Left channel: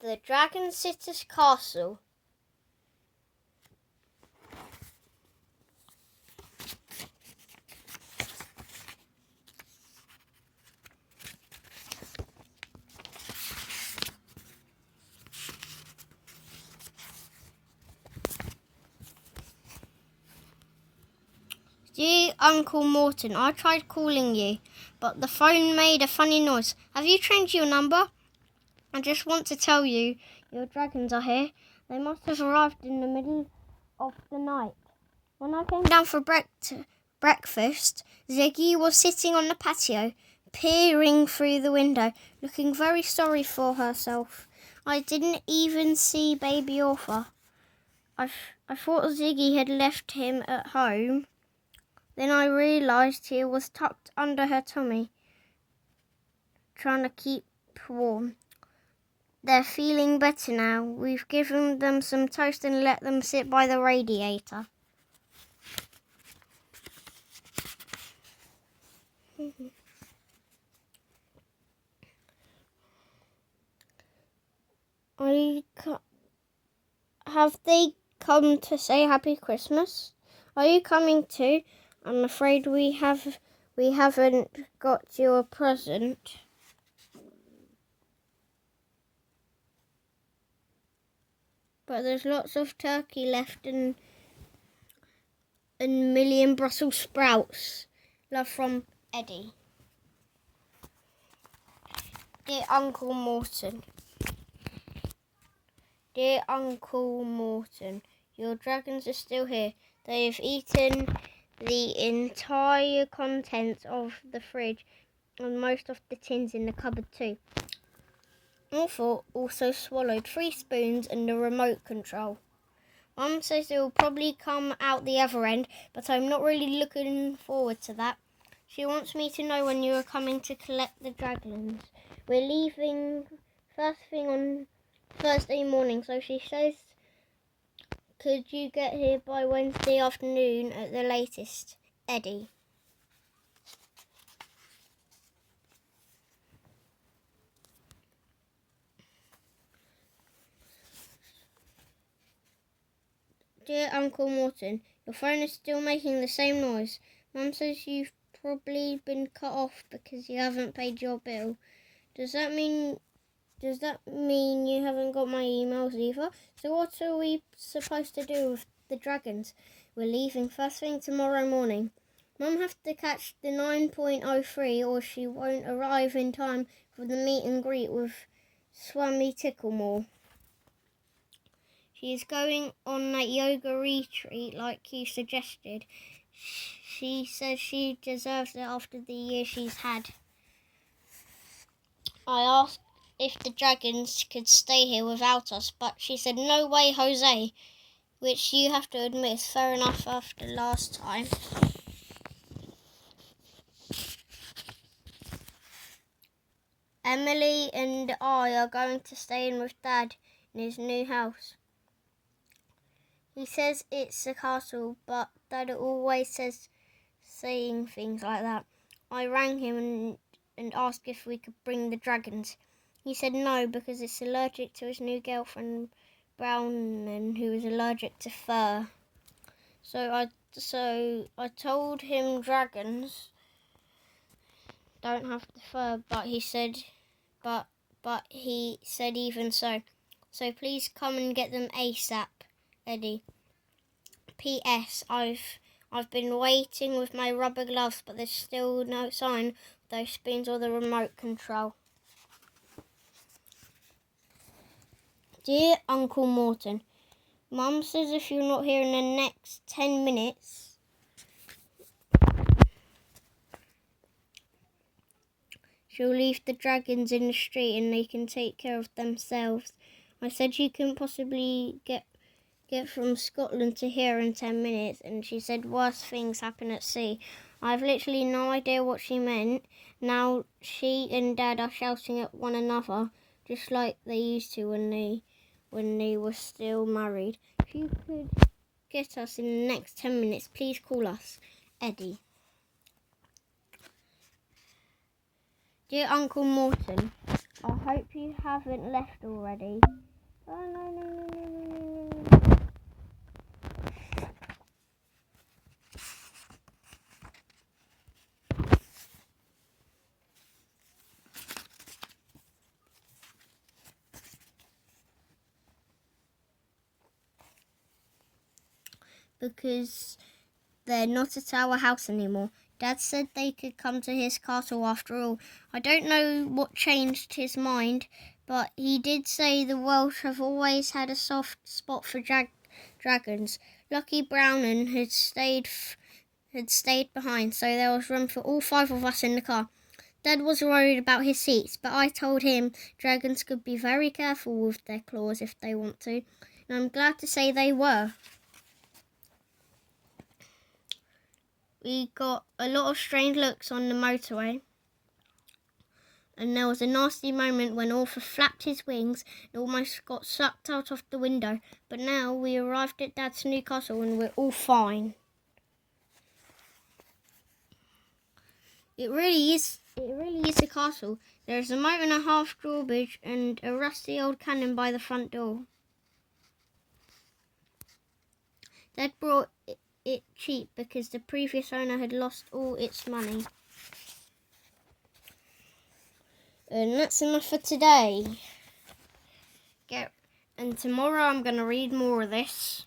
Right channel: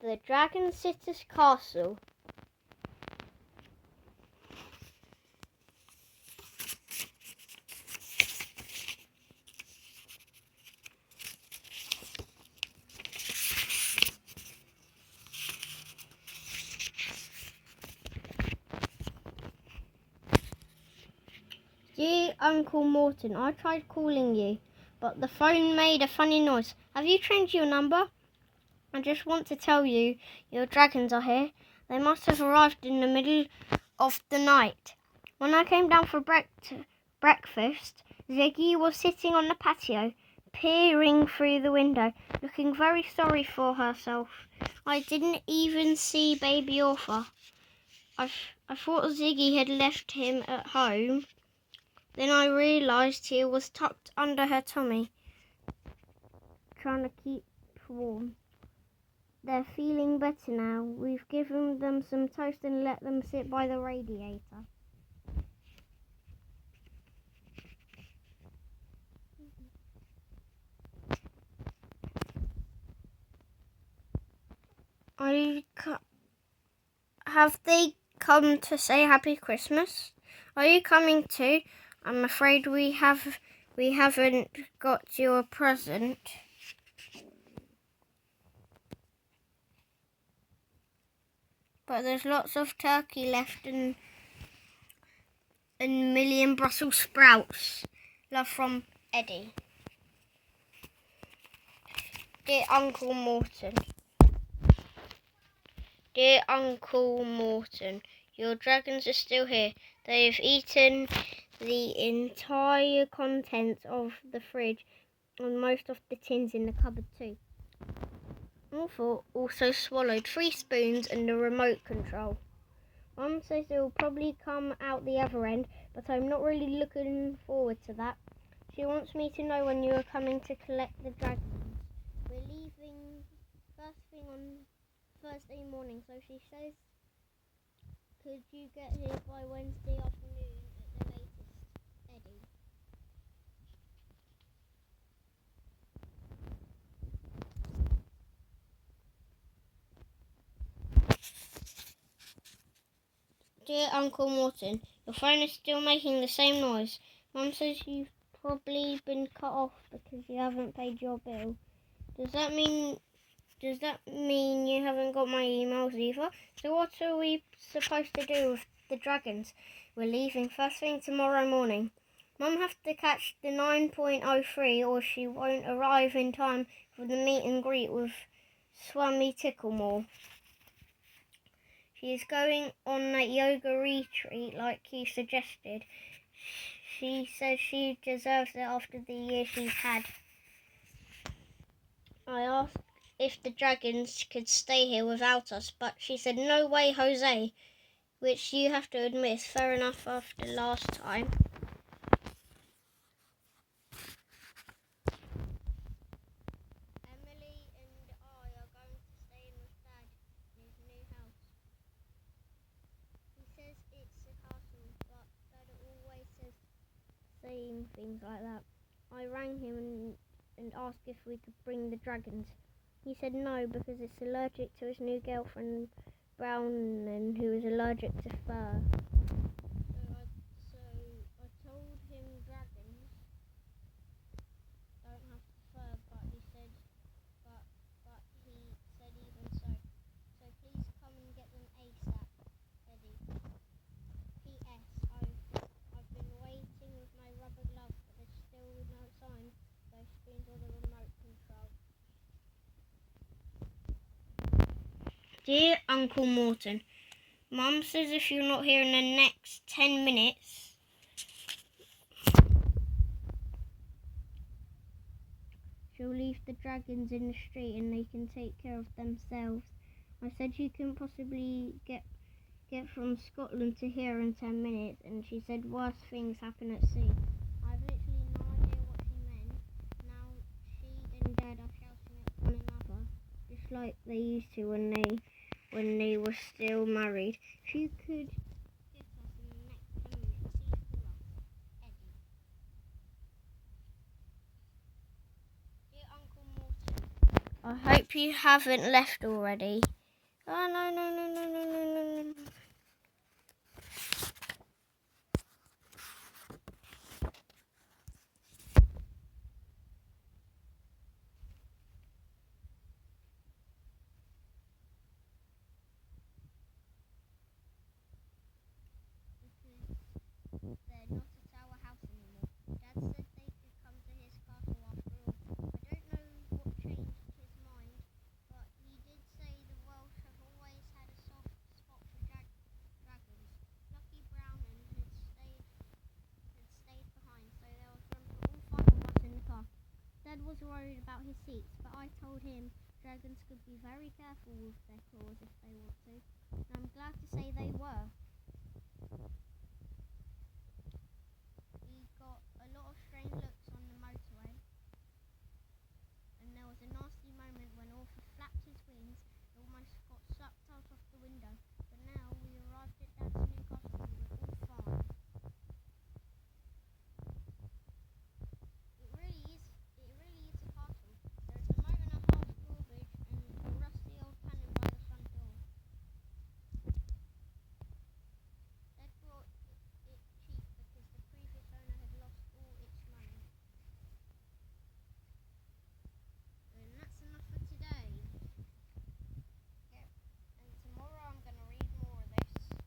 The Dragonsitters Castle. Dear Uncle Morton, I tried calling you, but the phone made a funny noise. Have you changed your number? I just want to tell you, your dragons are here. They must have arrived in the middle of the night. When I came down for breakfast, Ziggy was sitting on the patio, peering through the window, looking very sorry for herself. I didn't even see baby Arthur. I thought Ziggy had left him at home. Then I realised he was tucked under her tummy, trying to keep warm. They're feeling better now. We've given them some toast and let them sit by the radiator. Have they come to say Happy Christmas? Are you coming too? I'm afraid we haven't got you a present. But there's lots of turkey left and a million Brussels sprouts. Love from Eddie. Dear Uncle Morton. Dear Uncle Morton, your dragons are still here. They've eaten the entire contents of the fridge and most of the tins in the cupboard too. Arthur also swallowed 3 spoons and the remote control. Mum says it will probably come out the other end, but I'm not really looking forward to that. She wants me to know when you are coming to collect the dragons. We're leaving first thing on Thursday morning, so she says, could you get here by Wednesday afternoon at the latest? Eddie. Dear Uncle Morton, your phone is still making the same noise. Mum says you've probably been cut off because you haven't paid your bill. Does that mean you haven't got my emails either? So what are we supposed to do with the dragons? We're leaving first thing tomorrow morning. Mum has to catch the 9.03 or she won't arrive in time for the meet and greet with Swami Ticklemore. She's going on that yoga retreat like you suggested. She says she deserves it after the year she's had. I asked if the dragons could stay here without us, but she said no way, Jose, which you have to admit is fair enough after last time. Emily and I are going to stay in with Dad in his new house. He says it's a castle, but Dad always saying things like that. I rang him and asked if we could bring the dragons. He said no because it's allergic to his new girlfriend Brownon, who is allergic to fur. So I told him dragons don't have the fur, but he said even so. So please come and get them ASAP, Eddie. P.S. I've been waiting with my rubber gloves, but there's still no sign of those spoons or the remote control. Dear Uncle Morton, Mum says if you're not here in the next 10 minutes, she'll leave the dragons in the street and they can take care of themselves. I said you couldn't possibly get from Scotland to here in 10 minutes, and she said worse things happen at sea. I've literally no idea what she meant. Now she and Dad are shouting at one another, just like they used to when they were still married. If you could get us in the next 10 minutes, please call us. Eddie. Dear Uncle Morton, I hope you haven't left already. Oh, no, no, no, no, no, no, no, no. Because they're not at our house anymore. Dad said they could come to his castle after all. I don't know what changed his mind, but he did say the Welsh have always had a soft spot for dragons. Lucky Brownon had stayed behind, so there was room for all 5 of us in the car. Dad was worried about his seats, but I told him dragons could be very careful with their claws if they want to, and I'm glad to say they were. We got a lot of strange looks on the motorway, and there was a nasty moment when Arthur flapped his wings and almost got sucked out of the window. But now we arrived at Dad's new castle and we're all fine. It really is a castle. There's a moat and a half drawbridge and a rusty old cannon by the front door. Dad brought it cheap because the previous owner had lost all its money. And that's enough for today. And tomorrow I'm going to read more of this.